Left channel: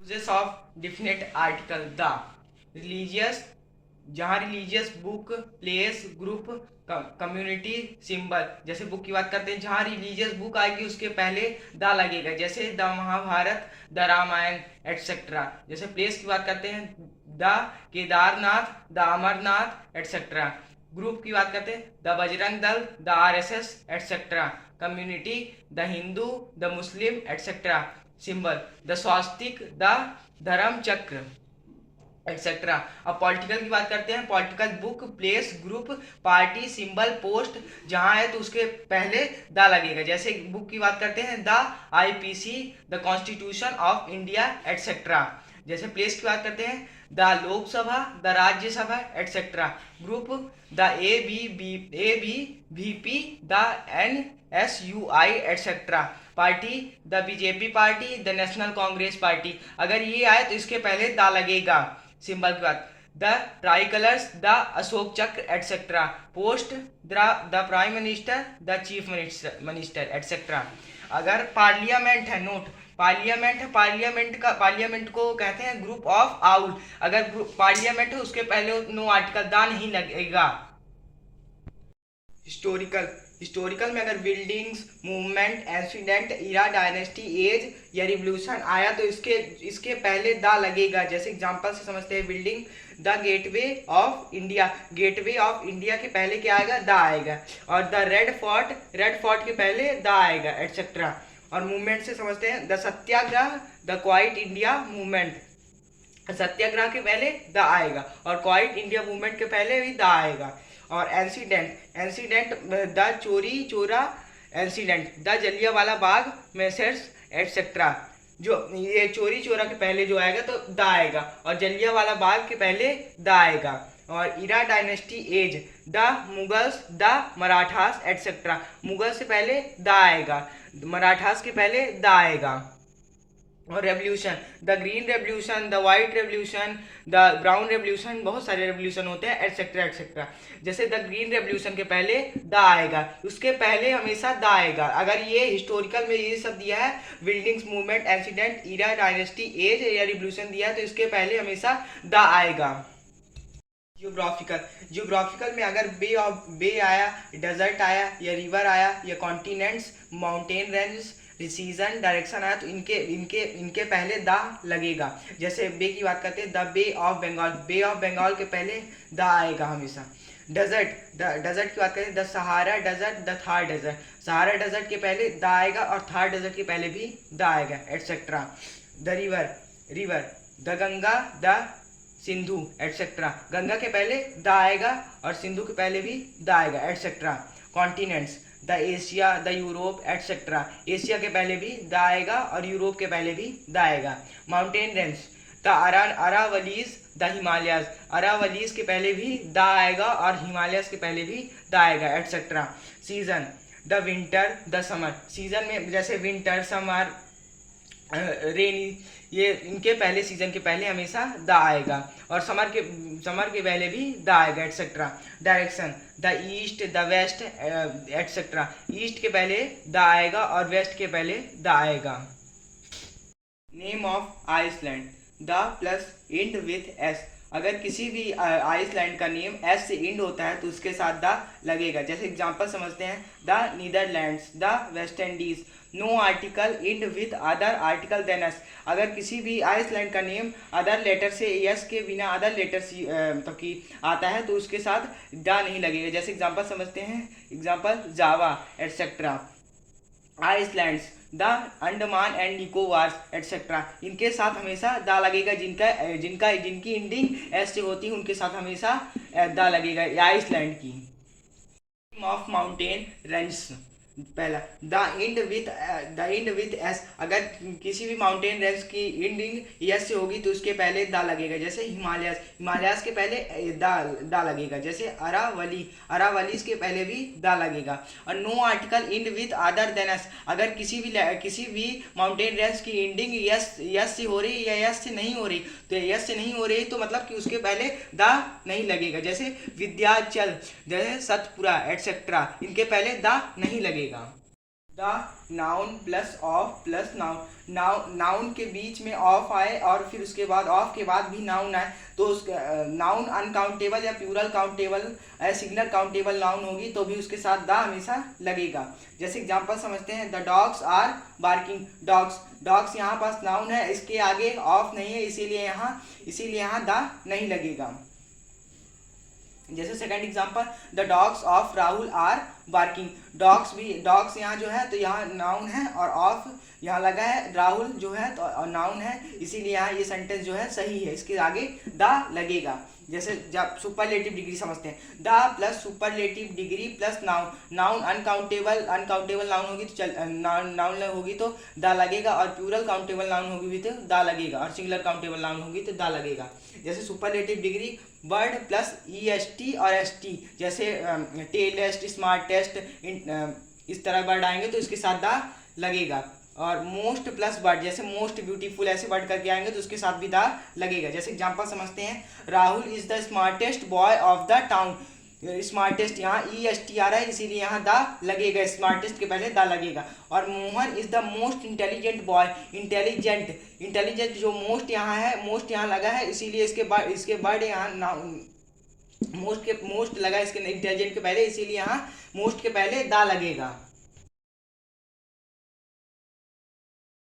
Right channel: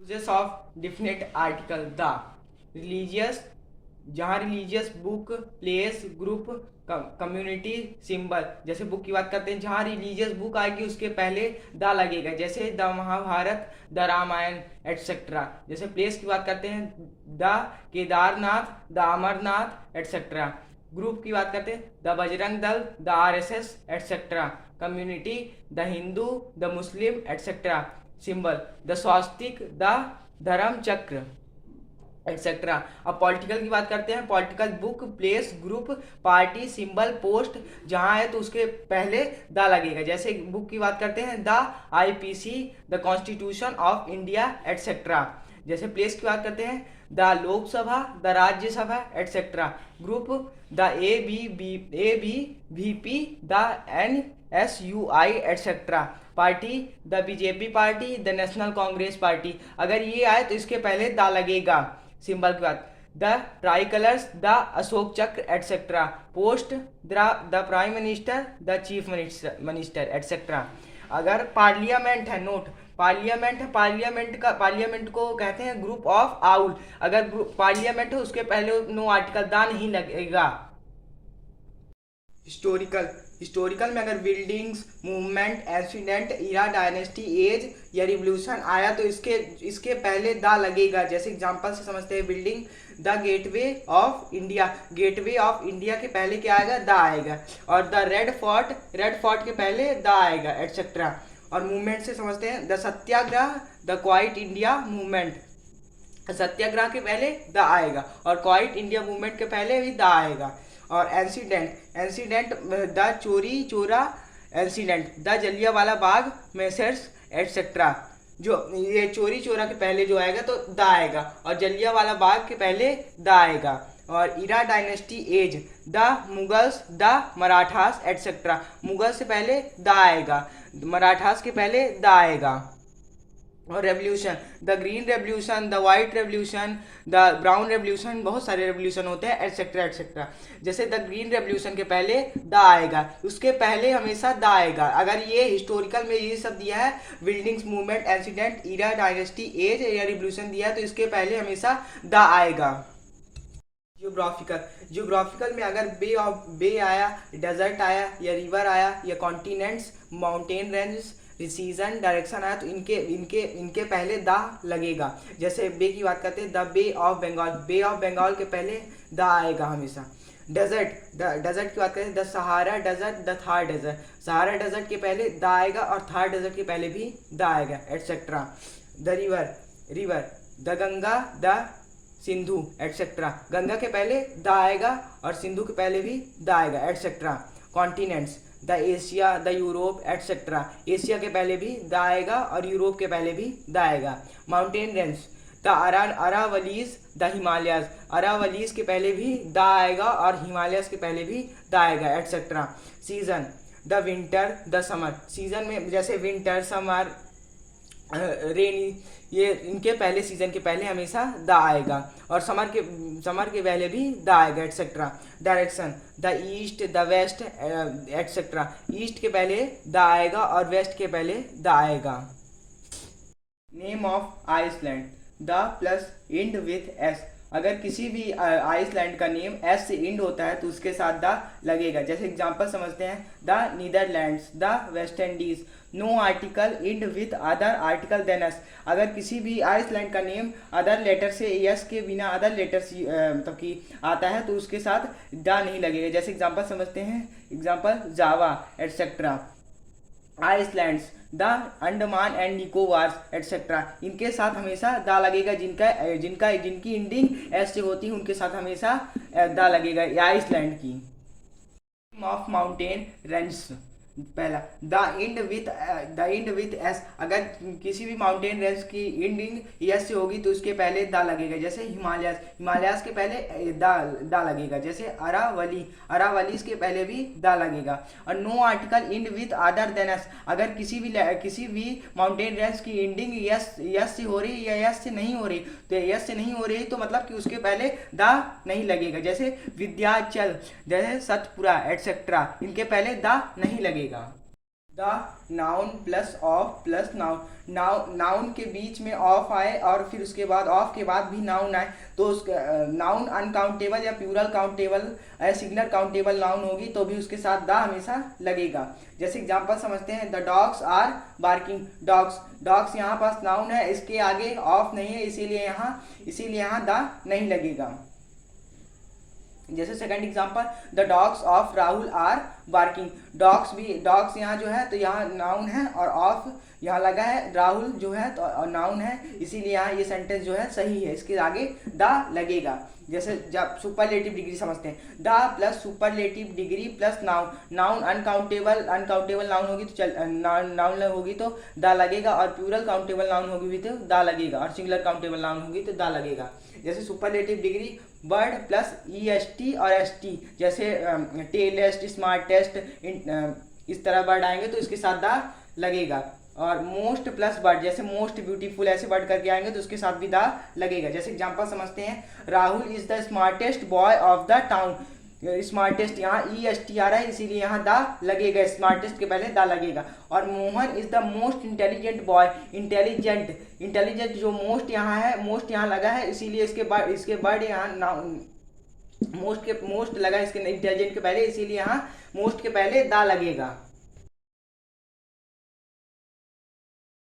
Uses of definite article the religious, जहाँ religious book place group community symbol. जैसे book की बात करते हैं, जहाँ रिलीजियस बुक आएगी उसके पहले द लगेगा, जैसे the Mahabharata, the Ramayana etcetera. जैसे प्लेस की बात करते हैं, the Kedarnath, the Amarnath etcetera. Group की बात करते हैं, the Bajrang Dal, the RSS etcetera. Community, the Hindu, the Muslim etcetera. Symbol, the swastik, the dharma chakra etcetera. अब पॉलिटिकल की बात करते हैं, political book place group party symbol post, जहां है तो उसके पहले द लगेगा। जैसे बुक की बात करते हैं, the IPC, the constitution of India etcetera. जैसे प्लेस की बात करते हैं, the Lok Sabha, the Rajya Sabha etcetera. Group, the A B V P, the NSUI etcetera. Party, the BJP party, the national Congress party. अगर ये आए तो इसके पहले द लगेगा। सिंबल की बात, the tricolours, the Ashoka Chakra etcetera. Post, the prime minister, the chief minister etcetera. अगर पार्लियामेंट है, नोट, पार्लियामेंट है, पार्लियामेंट को कहते हैं ग्रुप ऑफ आउल। अगर पार्लियामेंट है उसके पहले नो आर्टिकल दा नहीं लगेगा। हिस्टोरिकल, हिस्टोरिकल में अगर बिल्डिंग्स, मूवमेंट, इंसिडेंट, इरा, डायनेस्टी, एज या रिवोल्यूशन आया तो इसके पहले द लगेगा। जैसे एग्जांपल से समझते हैं, building, the gateway of India, gateway of India के पहले क्या आएगा? द आएगा। और the red fort, red fort के पहले द आएगा एटसेट्रा। और मूवमेंट से समझते हैं, the Satyagraha, the quit India movement, Satyagraha के पहले द आएगा और क्वाइट इंडिया मूवमेंट के पहले भी द आएगा। और incident, incident, the Chauri Chaura incident, the Jallianwala Bagh massacre etcetera. जो ये चोरी चोरा के पहले जो आएगा तो द आएगा और जलियांवाला बाग के पहले द आएगा। और era dynasty age, the Mughals, the Marathas etcetera. Mughals से पहले द आएगा, मराठास के पहले द आएगा। और revolution, the green revolution, the white revolution, the brown revolution, बहुत सारे रेवोल्यूशन होते हैं एटसेट्रा एटसेट्रा। जैसे द ग्रीन रेवोल्यूशन के पहले द आएगा, उसके पहले हमेशा द आएगा। अगर ये हिस्टोरिकल में ये सब दिया है, बिल्डिंग्स, मूवमेंट, इंसिडेंट, इरा, डायनेस्टी, एज या रिवोल्यूशन दिया है तो इसके पहले हमेशा द आएगा। जियोग्राफिकल, जियोग्राफिकल में अगर बे आया, डेजर्ट आया या रिवर आया या continents, mountain range, season, direction आया तो इनके इनके इनके पहले द लगेगा। जैसे बे की बात करते हैं, the bay of Bengal, bay of Bengal के पहले द आएगा हमेशा। डेजर्ट, डेजर्ट की बात करें, the Sahara desert, the Thar desert, Sahara desert के पहले द आएगा और थार डेजर्ट के पहले भी द आएगा etcetera. The river, river, the Ganga, the Sindhu etcetera. Ganga के पहले द आएगा और सिंधु के पहले भी द आएगा etcetera. Continents, the Asia, the Europe etcetera. Asia के पहले भी द आएगा और यूरोप के पहले भी द आएगा। Mountain range, the Aravallis, the Himalayas, Aravallis के पहले भी द आएगा और हिमालयस के पहले भी द आएगा etcetera. Season, the winter, the summer. Season में जैसे विंटर, समर, रेनी, ये इनके पहले सीजन के पहले हमेशा द आएगा और समर के पहले भी द आएगा etcetera. Direction, the east, the west etcetera. East के पहले द आएगा और वेस्ट के पहले द आएगा। Name of island, the plus end with s. अगर किसी भी आइसलैंड का नेम एस से इंड होता है तो उसके साथ द लगेगा। जैसे एग्जांपल समझते हैं, the Netherlands, the West Indies. No article end with other article than s. अगर किसी भी आइसलैंड का नेम अदर लेटर से, एस के बिना अदर लेटर से मतलब कि आता है तो उसके साथ द नहीं लगेगा। जैसे एग्जांपल समझते हैं, example Java etcetera. Islands, the Andaman and Nicobar etcetera. इनके साथ हमेशा द लगेगा। जिनकी इंडिंग एस से होती है उनके साथ हमेशा द लगेगा आइसलैंड की। ऑफ माउंटेन रेंज, पहला द इंड विथ एस। अगर किसी भी माउंटेन रेंज की इंडिंग एस से होगी तो उसके पहले द लगेगा। जैसे हिमालयास, हिमालयास के पहले द लगेगा। जैसे अरावली, अरावलीज के पहले भी द लगेगा। और no article end with other than s. अगर किसी भी माउंटेन रेंज की इंडिंग यस से हो रही या यस से नहीं हो रही तो यस से नहीं हो रही तो मतलब कि उसके पहले द नहीं लगेगा। जैसे विंध्याचल, जैसे सतपुरा एटसेट्रा, इनके पहले द नहीं लगेगा। The noun plus of plus noun noun के बीच में ऑफ आए और फिर उसके बाद ऑफ के बाद भी नाउन आए तो उस नाउन अनकाउंटेबल या plural countable singular countable noun होगी तो भी उसके साथ द हमेशा लगेगा। जैसे एग्जांपल समझते हैं, the dogs are barking. Dogs dogs यहाँ पास नाउन है, इसके आगे ऑफ नहीं है, इसीलिए यहाँ द नहीं लगेगा। जैसे second example, the dogs of Rahul are barking. Dogs यहाँ जो है तो यहाँ नाउन है और ऑफ यहाँ लगा है, राहुल जो है तो नाउन है, इसीलिए यहाँ ये सेंटेंस जो है सही है, इसके आगे द लगेगा। जैसे जब सुपरलेटिव डिग्री समझते हैं, the plus superlative degree plus noun uncountable noun होगी तो नाउन होगी तो द लगेगा, और प्लूरल काउंटेबल नाउन होगी भी तो द लगेगा, और सिंगुलर काउंटेबल नाउन होगी तो द लगेगा। जैसे superlative degree word plus EST और ST, जैसे टेलेस्ट, स्मार्टेस्ट, इस तरह वर्ड आएंगे तो इसके साथ द लगेगा। और मोस्ट प्लस वर्ड, जैसे मोस्ट ब्यूटीफुल ऐसे वर्ड करके आएंगे तो उसके साथ भी द लगेगा। जैसे एग्जांपल समझते हैं, Rahul is the smartest boy of the town. Smartest यहाँ EST आ रहा है, इसीलिए यहाँ द लगेगा, स्मार्टेस्ट के पहले द लगेगा। और Mohan is the most intelligent boy. Intelligent जो मोस्ट यहाँ है, मोस्ट यहाँ लगा है, इसीलिए इसके वर्ड यहाँ मोस्ट लगा इसके इंटेलिजेंट के पहले, इसीलिए यहाँ मोस्ट के पहले द लगेगा।